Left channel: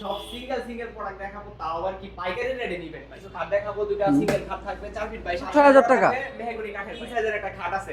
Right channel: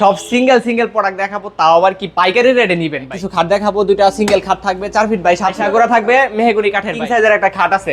সব single product দেখাবো, তাও আবার কি পাইকারি রেটে নিবেন। কিছু খাট দেখাবো, দুইটা সিঙ্গেল খাট থাকবে 4 ফিট বাই 7 ফিট করে থাকবে, মেহগনি কাঠের কিং সাইজের একটা খাট আছে।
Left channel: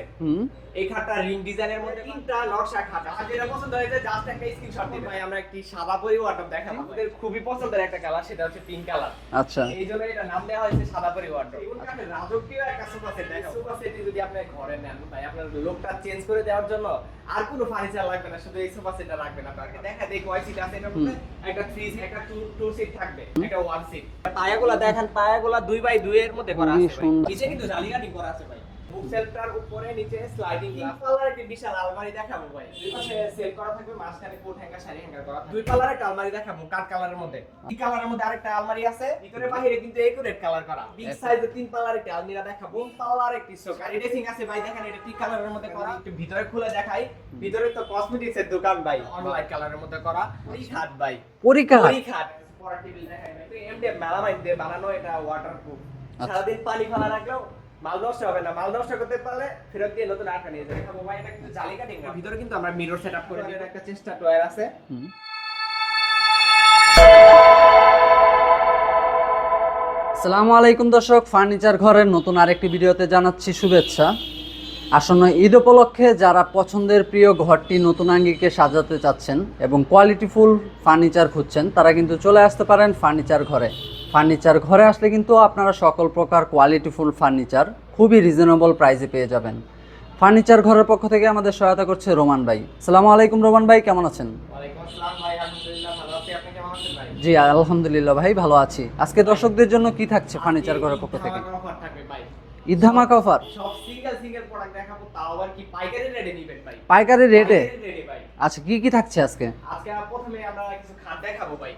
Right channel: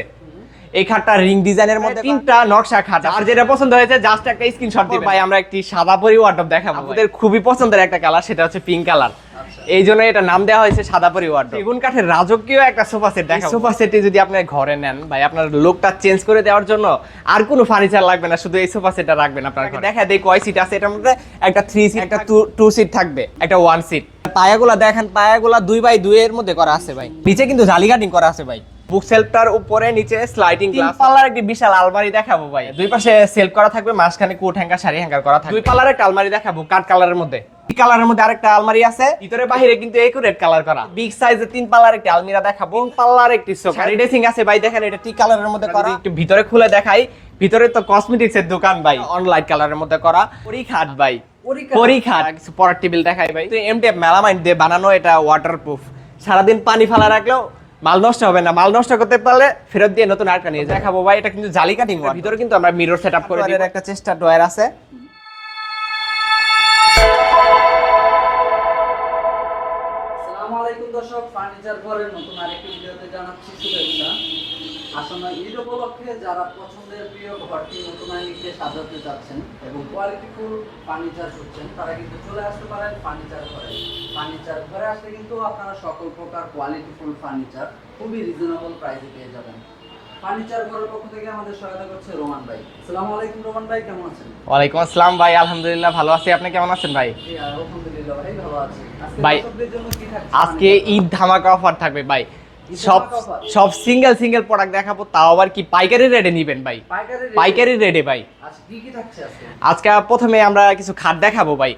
এই খাটটা রিং ডিজাইনের মধ্যে তিনটা নকশা খাট, আর যেটা পছন্দ হয়েছে জাস্ট একটা স্ক্রিনশট দিবেন ভাই। আমরা একটি সাদা পরি ওয়ার্ডরোব দেখাবো, আমাদের খুবই পছন্দের একটা কালার, সেটা হচ্ছে পিঙ্ক কালার। আচ্ছা, এই জন্য এটা নাম দেওয়া হয়েছে সাদা পরি ওয়ার্ডরোব। সেগুন কাঠের রাজকীয় একটা সোফা সেট দেখাবো। সোফা সেটটি যদি আপনি ঘরে নেন ভাই, আপনার লুকটা চেঞ্জ করে দেওয়ার জন্য আর কোনো ফার্নিচার লাগবে না, শুধু এই সোফা সেটটা রাখবেন আপনার ঘরে। দেখা দেই কয় সিট আছে এটার মধ্যে। একটা 3 সিট, একটা 2 সিট থাকবে, একটা 1 সিট। পায়াগুলা দেখেন, পায়াগুলা 2x2 এর মধ্যে করা আছে ভাই। নিচে কিন্তু জালি কাটিং করা আছে ভাই। বুক সেলফটার উপরে নিচে স্লাইডিং গ্লাস, পাল্লার একটি বিশাল আলমারি দেখাবো ভাই। দুই পাশে সেলফ করা থাকবে, মাঝখানে কোট হ্যাঙ্গার, শাড়ি হ্যাঙ্গার করা থাকবে। দুই পাল্লার একটা আলমারি দেখাবো কাট কালারের মধ্যে। এই কালারের মধ্যে আরেকটা আলমারি আছে, ভিতরে বাইরে কিন্তু একুরেট কালার করা। বিগ সাইজের 3 পাল্লার একটা আলমিরা দেখাবো, পাল্লার একটি সোফা ড্রেসিং আছে ভাই। দেখেন এটা টি কালারের মধ্যে করা। একটু ভিতরে খুলে দেখাই, ভিতরে তো কসমেটিক্স এর দোকান ভাই, অন লাইট কালারের মধ্যে করা। পরি খাট ভাই, পরি খাট। পরার টেবিল দেখাই ভাই, তো এমডিএফ মেলামাইন দিয়ে বানানো, এটা ওয়াটারপ্রুফ। সারাদিন পানি ফেলা রাখলেও মাল নষ্ট হবে না। মাল নষ্ট করতে পারলে ফেরত দিয়ে নতুন আরেকটা নিয়ে দেখাবো ভাই। এটা কিন্তু জালি কাটিং, ভিতরে কিন্তু আমরা মিরর সেটআপ করে দিব। একটা চেষ্টা ড্রয়ার আছে। আসসালামু আলাইকুম দর্শক, ফার্নিচার ঘরের নতুন আরেকটি ভিডিওতে জানাচ্ছি শুভেচ্ছা। আসন্ন ঈদ উপলক্ষে যারা পছন্দের প্রিয় ঘরটি নতুন আঙ্গিকে সাজাতে চাচ্ছেন এবং কোয়ালিটিফুল ফার্নিচার খুঁজছেন, তারা কিন্তু চলে আসতে পারেন ফার্নিচার ঘরে। ফার্নিচার ঘরে আসলে কিন্তু আপনারা সকল প্রকার কোয়ালিটিফুল ফার্নিচার খুবই রিজনেবল প্রাইসে পেয়ে যাবেন। ফার্নিচার ঘরের পক্ষ থেকে আমাদের সহায়তা করছে রোমান ভাই। আসসালামু আলাইকুম রোমান ভাই, কেমন আছেন? ওয়ালাইকুম আসসালাম ভাই, আলহামদুলিল্লাহ ভালো আছি। আপনি কেমন আছেন ভাই? জি আলহামদুলিল্লাহ ভাই, ভালো আছি। আজকে দর্শকদের জন্য কি থাকছে? আজকে ঈদ ধামাকা অফার থাকবে ভাই। ঈদ ধামাকা অফার, সব সিঙ্গেল প্রোডাক্ট দেখাবো, তাও আবার কি পাইকারি রেটে নিবেন ভাই। পাইকারি রেটে ভাই। আচ্ছা, কি থাকছে আজকে? আজকে প্রথমে আমরা কিছু খাট দেখাবো ভাই।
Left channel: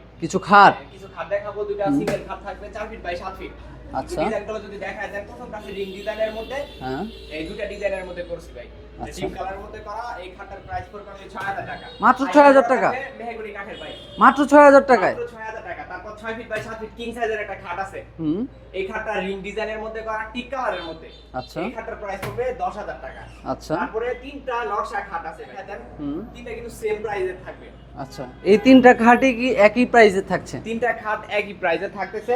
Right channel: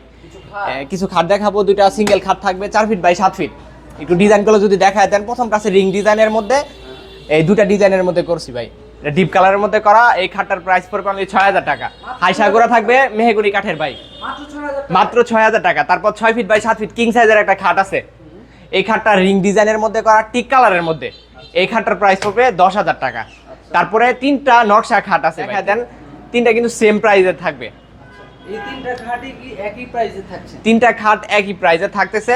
কিছু খাট দেখাবো, দুইটা সিঙ্গেল খাট থাকবে 4 ফিট বাই 7 ফিট। একটু ডিজাইন গুলো যদি দেখায় দেন, প্রথম কাছে রিং ডিজাইনের মধ্যে, এই দুটা ডিজাইনের মধ্যে করছি ভাই। ডিপ কালারের মধ্যে করা এই খাটটার প্রাইস পড়বে অনলি 6000 টাকা। হাইসা করা থাকবে মেহগনি কাঠের ভাই, মাত্র 6000 টাকা। মাত্র 6000 টাকা। তারপর 6 ফিট বাই 7 ফিট কিং সাইজের একটা খাট আছে। এই খাটটা রিং ডিজাইনের মধ্যে করা, টিক কালারের মধ্যে। এই খাটটার প্রাইস পড়বে 10000 টাকা। তারপরে তিনটা নকশা খাট আছে, দেখা দেন তিনটা কিন্তু সেম প্রাইসে থাকবে। আচ্ছা, এই তিনটা খাটই কি একই প্রাইসে থাকছে? তিনটা খাট একই প্রাইসে থাকতেছে।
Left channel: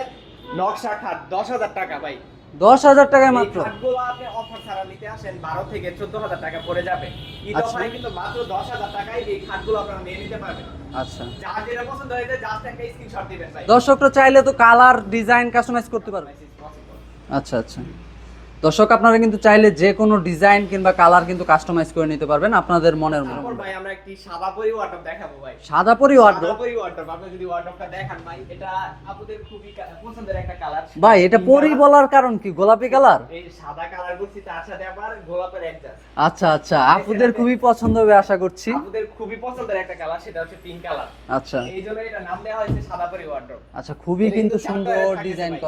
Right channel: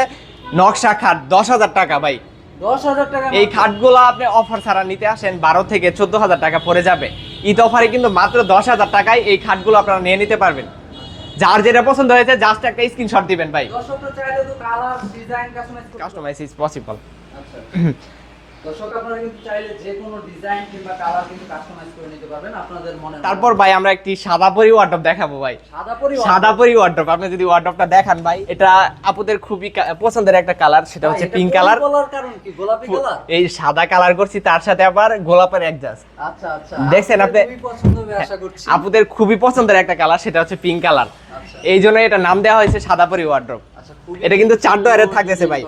নকশা খাট 10000 টাকা ভাই। 10000 টাকা। এই খাটগুলো আপনি অফার ছাড়া নিতে আসেন 12 থেকে 14000 টাকা পড়ে যাবে। ঈদ অফারে কিন্তু মাত্র 10000 টাকায় এই খাটগুলো আপনারা নিয়ে নিতে পারবেন। আচ্ছা, যার যেটা পছন্দ হয়েছে জাস্ট একটা স্ক্রিনশট দিবেন ভাই। দর্শকরা চাইলে তো কালার ডিজাইন কাস্টমাইজ করতে পারবে। Customize is possible. আচ্ছা, দর্শক আপনারা কিন্তু চাইলে যে কোনো ডিজাইন কিংবা কালার কিন্তু কাস্টমাইজ করে নিতে পারবেন আপনাদের মনের। তারপর ভাই আমরা একটি সাদা পরি ওয়ার্ডরোব দেখাবো ভাই। সাদা পরি ওয়ার্ডরোব। আপনি যদি ওয়ার্ডরোবটা দেখান ভাই, এটা আপুদের খুবই পছন্দের একটা কালার, সেটা হচ্ছে পিঙ্ক কালার। বলার কারণ কি? গোলাপি কালার। এই সাদা কালার করছি, তার সাথে আবার গোলাপের অ্যাডজাস্ট। আচ্ছা, দেখছেন আপনি, খুবই পছন্দ হবে আশা করছি। আপুদের খুবই পছন্দের একটা কালার, সেটা হচ্ছে পিঙ্ক কালার। আচ্ছা, এই জন্য এটা নাম দেওয়া হয়েছে সাদা পরি ওয়ার্ডরোব। আচ্ছা, খুবই এটা কিন্তু 4 ডয়ারে থাকতেছে ভাই।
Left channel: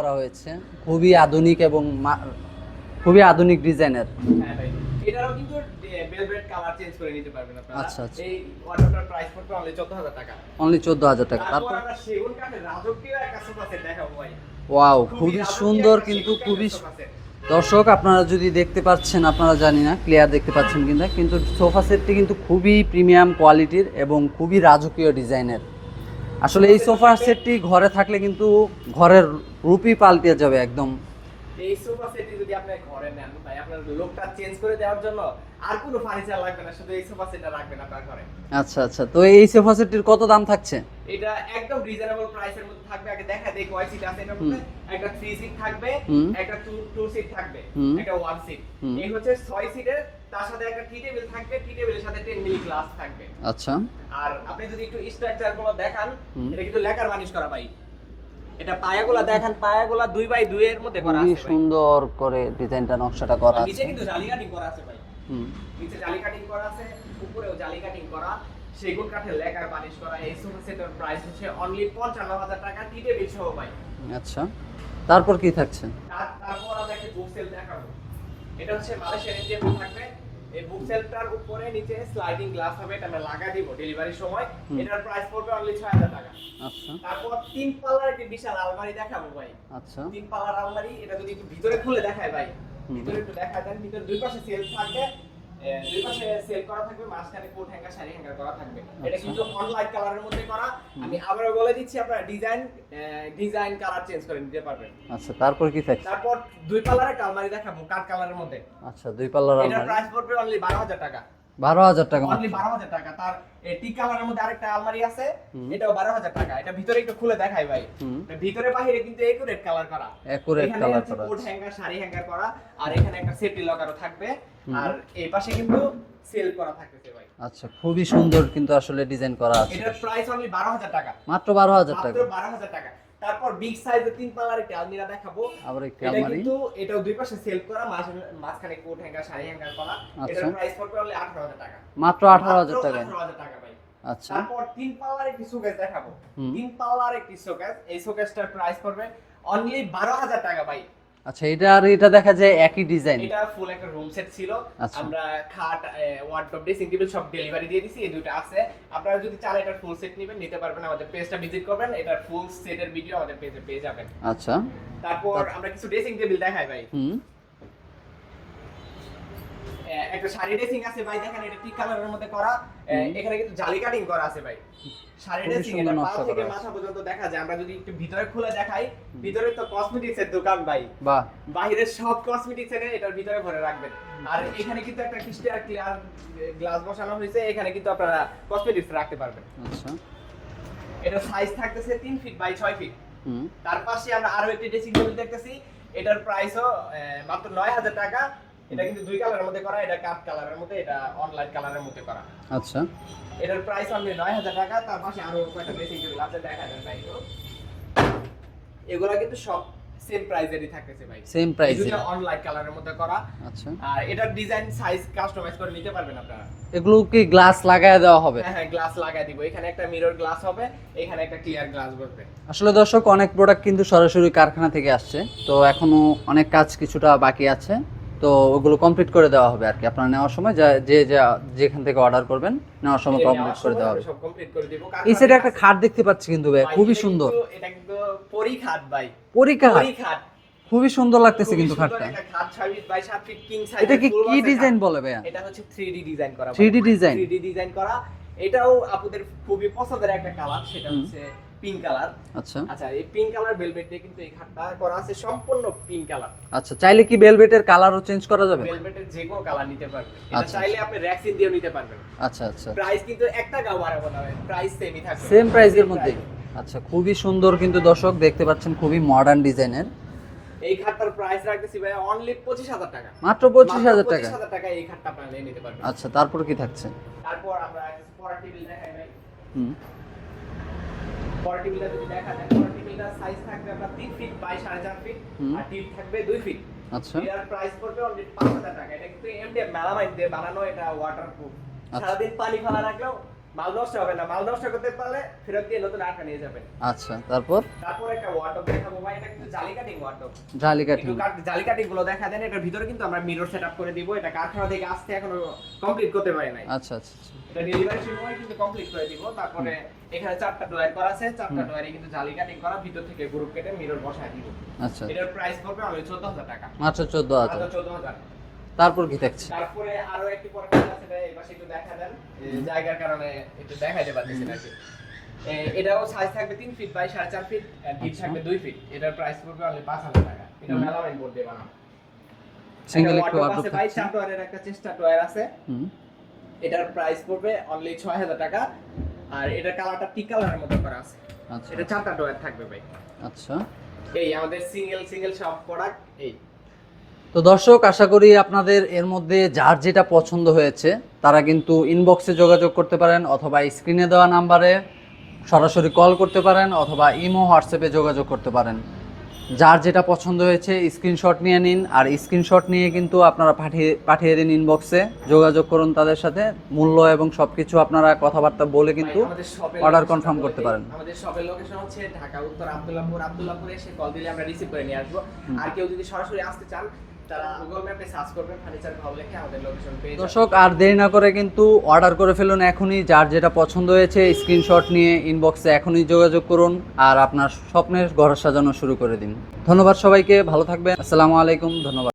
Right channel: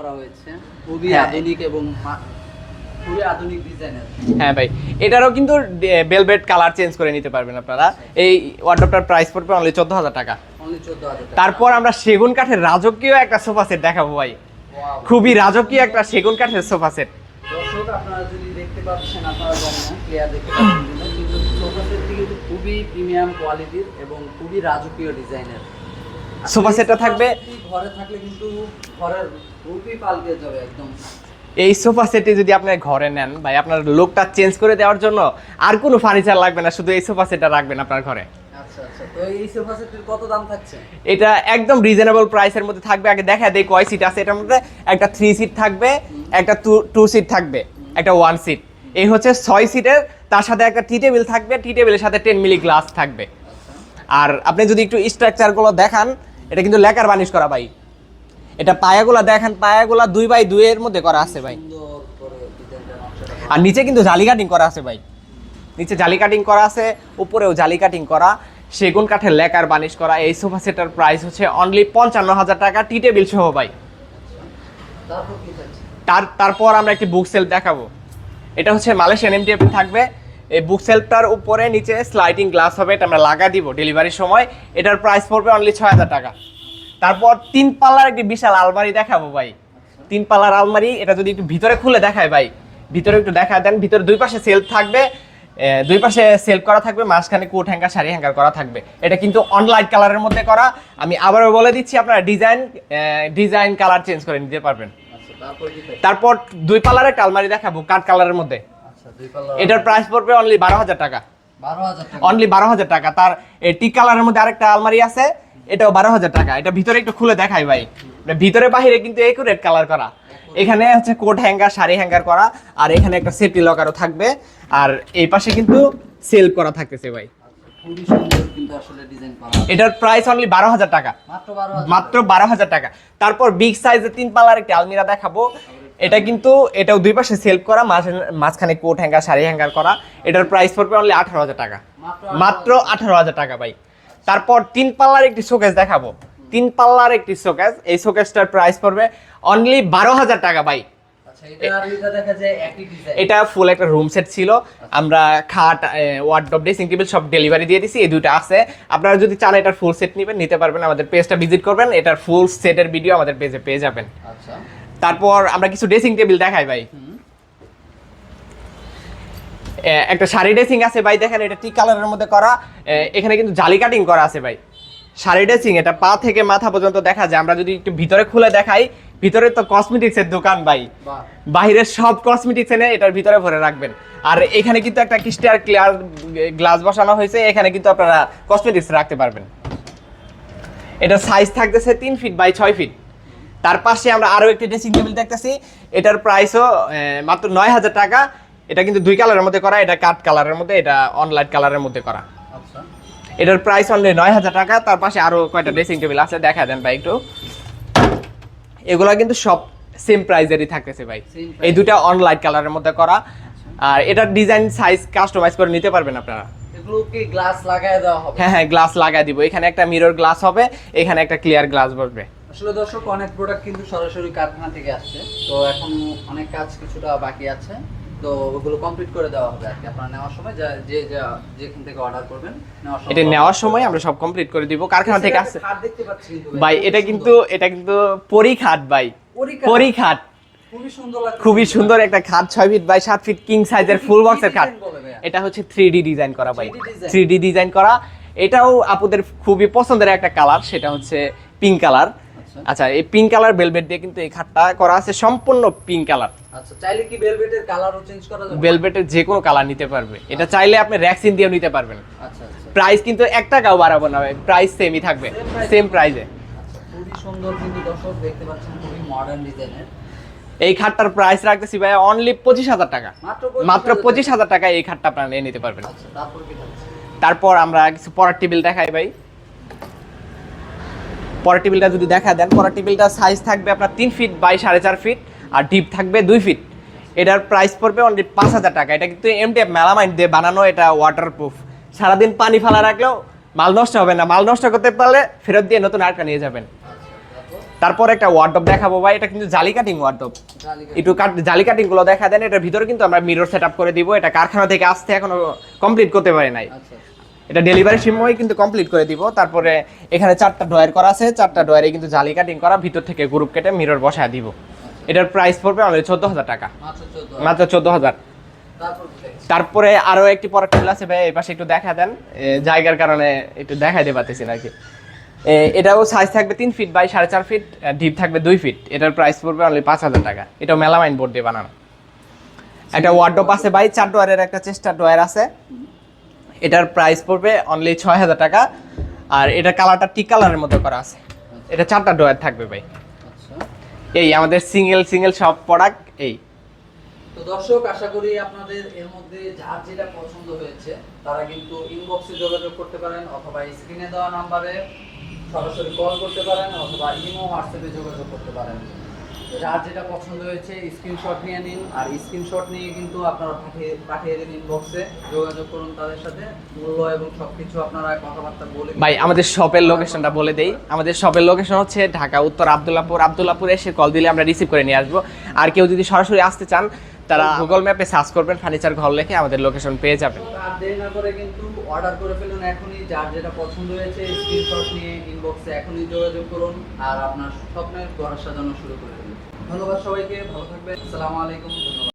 খুবই আধুনিক এবং খুবই আধুনিক ডিজাইনের। হ্যাঁ ভাই, এটারও কিন্তু ভেলভেট কালার চেঞ্জ করে নিতে পারবেন আপনারা। এই ওয়ার্ডরোবটার প্রাইস পড়বে অনলি 14000 টাকা। অনলি 14000 টাকা। তারপর আমরা সেগুন কাঠের রাজকীয় একটা সোফা সেট দেখাবো ভাই। ওয়াও, খুবই রাজকীয় একটা সেগুন কাঠের সোফা সেট। দর্শক আপনারা যদি দেখতে পাচ্ছেন, আপনারা জানি না ক্লিয়ার দেখতে পাচ্ছেন কিনা, কিন্তু সোফা সেটটি কিন্তু খুবই প্রিমিয়াম কোয়ালিটির এবং খুবই রাজকীয় ডিজাইনের। সোফা সেটটা থাকবে, ঘরে থাকলে কিন্তু ঘরের রূপই পাল্টে যাবে একদম। এই সোফা সেটটি যদি আপনি ঘরে নেন ভাই, আপনার লুকটা চেঞ্জ করে দেওয়ার জন্য আর কোনো ফার্নিচার লাগবে না, শুধু এই সোফা সেটটা রাখবেন আপনার ঘরে। আচ্ছা, তো এই সোফা সেটটির কত দাম থাকছে? এটা একদম রিজনেবল প্রাইসের মধ্যে থাকবে। আগে দেখা দেই কয় সিট আছে এটার মধ্যে। একটা 3 সিট থাকবে, একটা 2 সিট থাকবে, একটা 1 সিট। এই হচ্ছে 6 সিটের। তার সাথে একটা টি টেবিল থাকবে, টি টেবিলের সাথে 10 মিলি গ্লাস থাকবে। আচ্ছা, আর আপনি যদি একটু স্ট্রাকচার গুলো দেখান, এটা কিন্তু লেকার বানিশ করা ভাই। এটা পায়াগুলা দেখেন, পায়াগুলা 2x2 এর মধ্যে করা আছে ভাই, সুন্দর করে ডিজাইনটা নকশাটা করা। আর নিচে কিন্তু জালি কাটিং করা আছে ভাই। নিচে জালি কাটিং করা আছে, উপরেও জালি কাটিং করা, সেগুন কাঠের লেকার বানিশ করা। এই সোফা সেটের প্রাইস হচ্ছে অনলি 55000 টাকা, টি টেবিল সহ ভাই। আচ্ছা, তারপর কি থাকছে? তারপর আমরা একটি বুক সেলফ দেখাবো। এটা হচ্ছে মালয়েশিয়ান এমডিএফ থাকবে। এই বুক সেলফটার উপরে নিচে স্লাইডিং গ্লাস হবে, এটা আমরা লাগা দিব ডেলিভারির সময়। এটার প্রাইস পড়বে অনলি 6000 টাকা। তারপর 3 পাল্লার একটি বিশাল আলমারি দেখাবো ভাই। 3 পাল্লার আলমারি, এটা যদি একটু ভিতরে খুলে দেখায় ভাই, ভিতরে একটু দেখা দেন। ভিতরে দুই পাশে সেলফ থাকবে, দুই পাশে সেলফ করা থাকবে, মাঝখানে কোট হ্যাঙ্গার শাড়ি হ্যাঙ্গার করা থাকবে। এটা কিন্তু অন লাইট কালারের মধ্যে করা। আমি আবারও বলে দিচ্ছি, আপনারা ডিজাইন কালার চেঞ্জ করে নিতে পারবেন। আচ্ছা, তারপর কি থাকে? তারপর দুই পাল্লার একটা আলমারি দেখাবো কাঠ কালারের মধ্যে। আচ্ছা, দুই পাল্লার। এটার প্রাইস পড়বে অনলি 12,000 টাকা। 12,000 টাকা, অনলি 12,000 টাকা। তার টি কালারের মধ্যে আরেকটা আলমারি আছে, এটাও 12,000 টাকা। এটা ভিতরে একটু খুলে দেখাই ভাই, ভিতরে বাহিরে কিন্তু একুরেট কালার করা। এখানে হচ্ছে কোট হ্যাঙ্গার শাড়ি হ্যাঙ্গার করা, আর এখানে একটা সেফটি লকারও থাকবে, আর এই পাশে কিন্তু সেল করা থাকতেছে ভাই। আচ্ছা, খুবই সুন্দর কিন্তু আসলে ডিজাইন করা। এটার প্রাইস অনলি 12,000 টাকা, মাত্র 12,000, মাত্র 12,000 টাকা। তারপর বিগ সাইজের 3 পাল্লার একটা আলমিরা দেখাবো। এটা কিন্তু এটাও দুই পাশে সেলফ করা, মাঝখানে কোট হ্যাঙ্গার শাড়ি হ্যাঙ্গার করা। এটার প্রাইস পড়বে অনলি 18,000 টাকা, মাত্র 18,000 টাকা ভাই। তারপর 3 পাল্লার একটি শোকেস দেখাবো। 3 পাল্লার একটি শোকেস, এই শোকেসটার প্রাইস পড়বে অনলি 12,000 টাকা ভাই। আচ্ছা, এটা আর এটা দেখা যায় একই ডিজাইন। এটা ফুল একটা রুম সেট ছিল, আমরা খাট, ওয়ার্ডরোব, ড্রেসিং টেবিল সব ডেলিভারি দিয়ে দিছি। এই দুটো আছে, আপনারা যদি চান এটার ফুল সেট নেবেন নিতে পারবেন, আমাদের পেজটা ভিজিট করবেন, এটার ফুল সেটের ভিডিও আমাদের পেজে পেয়ে যাবেন। আচ্ছা, তারপর আমরা কিছু ড্রেসিং টেবিল দেখাই ভাই। একটা শাড়ি ড্রেসিং আছে ভাই, দেখেন এটা টি কালারের মধ্যে করা। এখানে কিন্তু জালি কাটিং করা আছে ভাই। শাড়ি ড্রেসিং, এটা পা থেকে মাথা পর্যন্ত দেখা যায়। আমরা যদি একটু ভিতরে খুলে দেখাই, ভিতরে তো কসমেটিক্স এর দোকান ভাই, বাহিরের সব কসমেটিক্স এনে এটার ভিতরে ভরে রাখবেন। আর এখানে কিন্তু একটা ক্রিস্টাল ক্লিয়ার গ্লাস বসানো হয়েছে, এখানে কিন্তু আপনারা কসমেটিক্স রাখতে পারবেন। এটা সাইজ থাকতেছে 3 ফিট বাই 6 ফিট। তার পাশে আমরা আরো একটি ড্রেসিং টেবিল দেখতেছি, এটার প্রাইসও মাত্র 9,000 টাকা। এটা কিন্তু দুই কালারের মধ্যে করা, এটা কাঠ কালারের মধ্যে, এটা অন লাইট কালারের মধ্যে করা। আচ্ছা, এটার প্রাইস অনলি 9,000 টাকা। তার পাশে আরো কয়টা ড্রেসিং টেবিল আছে, দেখা দেন ভাই একটু। এগুলা কিন্তু সব সেম প্রাইজেরই থাকতেছে ভাই, এই দুটো অন লাইট কালারের মধ্যে করা। আর এটার ডিজাইন সাইজ কাস্টমাইজ করে নিতে পারবেন আপনারা। এগুলো কি গ্লাস লাগায় দেওয়া হবে? হ্যাঁ হ্যাঁ, গ্লাস লাগায় দিব। এখানে একটা মিরর গ্লাস হবে, এখানে একটা ক্লিয়ার গ্লাস বসবে। আসলে দর্শক, অনেক প্রোডাক্ট কিন্তু সরাসরি কারখানা থেকে আসছে, তো এখনো অনেক কাজ কিছুটা বাকি আছে, তো ওগুলো কমপ্লিট করে দেওয়া হবে আর কি। আপনারা নেওয়ার সময় যেখান থেকে অর্ডার করবেন নেওয়ার সময় আমরা সব কমপ্লিট করে দিব। কারখানা থেকে একটা খাট দেখতে পাচ্ছি কিন্তু ভাই, এটা কিন্তু পরি খাট ভাই, পরি খাট। খুবই সুন্দর লাগছে, খুবই সুন্দর একটা খাট, 6 ফিট বাই 7 ফিট কিং সাইজের ফুল বক্সের খাট। এটা হচ্ছে 3D ডিজাইন করা ভাই, 3D ডিজাইন করা। এটাও আপুদের খুবই পছন্দের একটা কালার, সেটা হচ্ছে পিঙ্ক কালার। আচ্ছা, এই পিঙ্ক কালার ভেলভেট দিয়ে কিন্তু এই খাটটা করা আছে, সম্পূর্ণ পিঙ্ক কালার। আচ্ছা, চাইলে কি ভেলভেটের কালারও চেঞ্জ করা যাবে? ভেলভেটের যে কোনো কালার নিতে পারবে, এটা চাইলে আপনি র্যাক্সিন দিয়েও নিতে পারবেন। আচ্ছা আচ্ছা, প্রাইস কিন্তু 1 টাকাও বাড়াবো না ভাই, প্রাইস সেমই থাকবে, সেম প্রাইসে। আচ্ছা, খুবই সুন্দর কিন্তু দর্শক দেখতে পাচ্ছেন, খুবই মডার্ন ডিজাইনের। এই খাটটার প্রাইস রাখতেছি ভাই অনলি 25,000 টাকা, মাত্র 25,000 টাকা এই খাটটা আপনারা নিয়ে নিতে পারবেন। আচ্ছা, তারপর কি থাকছে? তারপর আমরা কিছু পড়ার টেবিল দেখাই ভাই। পড়ার টেবিলটা যদি দেখা দেন, পড়ার টেবিলটা সাইজ থাকবে আপনার 3 ফিট বাই 4.5 ফিট, আর ডিপ থাকবে 2 ফিট। এটার প্রাইস পড়বে অনলি 5,000 টাকা। এটা কিন্তু MDF মেলামাইন দিয়ে বানানো, এটা ওয়াটারপ্রুফ। সারাদিন পানি ফেলা রাখলেও মাল নষ্ট হবে না, মাল নষ্ট করতে পারলে ফেরত দিয়ে নতুন আরেকটা নিয়ে যাবেন। আচ্ছা, তারপর একটা ওয়ার্ডরোব দেখাবো ভাই, এটা কিন্তু জালি কাটিং ওয়ার্ডরোব। একটু জালি কাটিং গুলো দেখা দেন। এটার ভিতরে কিন্তু আমরা মিরর সেটআপ করে দিব, এটা কারখানা থেকে আসতে এখনো কমপ্লিট করতে পারি নাই। আচ্ছা আচ্ছা, এটা ডেলিভারি সময় কিন্তু কমপ্লিট করে দিব। তারপরে এখানে 4টা ডয়ার করা আছে, 4টা ডয়ারে কিন্তু জালি কাটিং করা, ভিতর থেকে গ্রুপ কেটে মিরর বসায় দিব। আচ্ছা, এটার প্রাইস পড়বে অনলি 14,000 টাকা, মাত্র 14,000। তারপর কি থাকছে? তারপরে আরো একটি পড়ার টেবিল আছে ভাই, এই পাশে একটু দেখা দেন, জায়গার কারণে একটু দেখাই দিতে পারতেছি নাকি। এটাও সাইজ থাকবে 3 ফিট বাই 4.5 ফিট, ডিপ থাকবে 2 ফিট। এটার প্রাইস পড়বে অনলি 5,000 টাকা। এটাও মেলামাইন বোর্ড দিয়ে বানানো। একটা ওয়ার্ডরোব আছে ভাই, 4 ডয়ারের একটা চেস্টা ডয়ার আছে, এটার প্রাইস পড়বে অনলি 6,000 টাকা। আর এটা কালারটা টি কালারের মধ্যে করা আছে। এটা 4টা ডয়ার থাকবে ভাই। আচ্ছা, এই আমাদের সিঙ্গেল সব প্রোডাক্ট এই। তো দর্শক, আশা করি আপনাদের এর মধ্যে যার যেটা পছন্দ হয়েছে তারা কিন্তু ইনবক্সে যোগাযোগ করতে পারেন, অথবা স্ক্রিনে দেওয়া নাম্বারে সরাসরি কল করতে পারেন, অথবা ইমো হোয়াটসঅ্যাপে যোগাযোগ করতে পারেন। যার যেটা পছন্দ হয়েছে স্ক্রিনশট নিয়ে নিন, আর স্ক্রিনশট নিয়ে কিন্তু আপনারা পাঠিয়ে দিন ইনবক্সে, যোগাযোগ করুন তাদের সাথে। মূল্য এবং সবকিছু আপনারা কথাবার্তা বলে ভাই আমাদের শপের লোকেশনটা বলে দেই। আমাদের শপের লোকেশন হচ্ছে ঢাকা উত্তর আব্দুল্লাহপুর এসে কল দিলে আমরা রিসিভ করে নিয়ে আসবো। আর কেউ যদি সরাসরি আসতে চান তারা গুগল ম্যাপে সার্চ করবেন ফার্নিচার ঘর লিখে, আমাদের লোকেশন পেয়ে যাবেন। দর্শক, আর দেরি না করে কিন্তু অর্ডার করে ফেলুন এখনই। যার যেটা পছন্দ হয়েছে স্ক্রিনশট নিয়ে ইনবক্সে এখনই যোগাযোগ করুন, আর আপনার স্বপ্নের ঘর সাজানো শুরু করে দিন। ধন্যবাদ সবাইকে, ভালো থাকবেন। আসসালামু আলাইকুম, ধন্যবাদ।